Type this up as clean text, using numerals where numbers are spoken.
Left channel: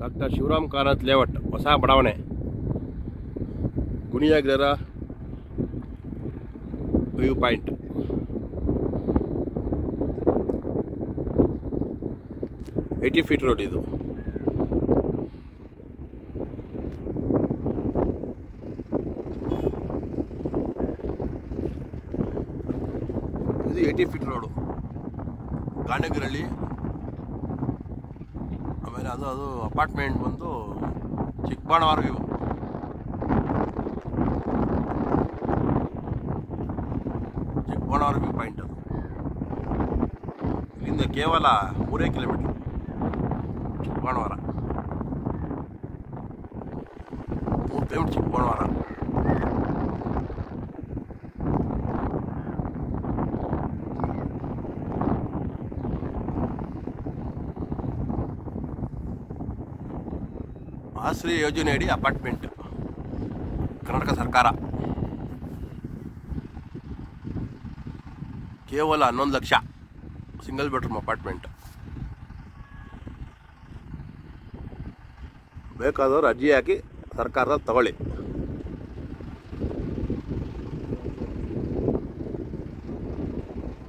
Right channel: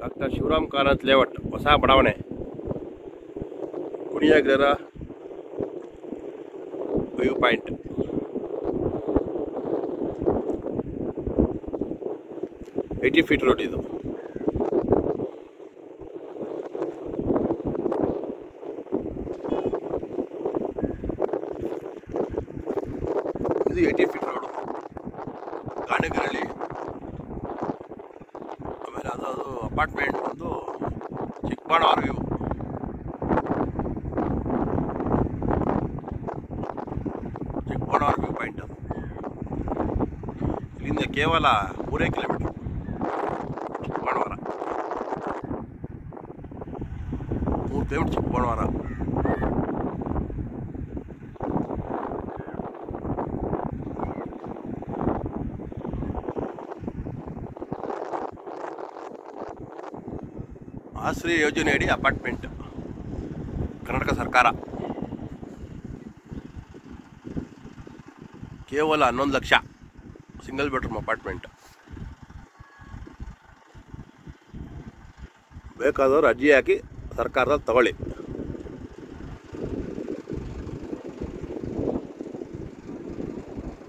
Doctor Shivaram Karanth layout, ಹೊಸ ಬಡಾವಣೆ, ಕುಣಿಯಾಗ್ರರ view point. Eighty feet road ಇದು. ಇದು 80 ಫೀಟ್ ರೋಡು, ಗಾಣಗಿರಳ್ಳಿ. ಆಮೇಲೆ ಅದು ಅಪಾರ್ಟ್ಮೆಂಟ್ ಬಂದು ಚಿಕ್ಕಬಾಣವರ ವ್ಯೂ. ಚಿಕ್ಕಬಾಣವರ ವ್ಯೂ ಪಾಯಿಂಟ್ ಅದು. ಇಲ್ಲಿಂದ ಕೇವಲ 3 ಕಿಲೋಮೀಟರ್ ಚಿಕ್ಕಬಾಣವರ, 3 ಕಿಲೋಮೀಟರ್ ಚಿಕ್ಕಬಾಣವರ. ಆಶ್ರಯ ಯೋಜನೆಯಡಿ ಅಪಾರ್ಟ್ಮೆಂಟ್, ಕರ್ನಾಟಕ ಸರ್ಕಾರ. ಕೇವಲ 11 ಲಕ್ಷ, ಸಿಂಗಲ್ ಬೆಡ್ರೂಮ್ ಅಪಾರ್ಟ್ಮೆಂಟ್. ಬೇಕಾದವರು ಅರ್ಜಿ ಹಾಕಿ ಸರ್ಕಾರದಲ್ಲಿ ತಗೊಳ್ಳಿ.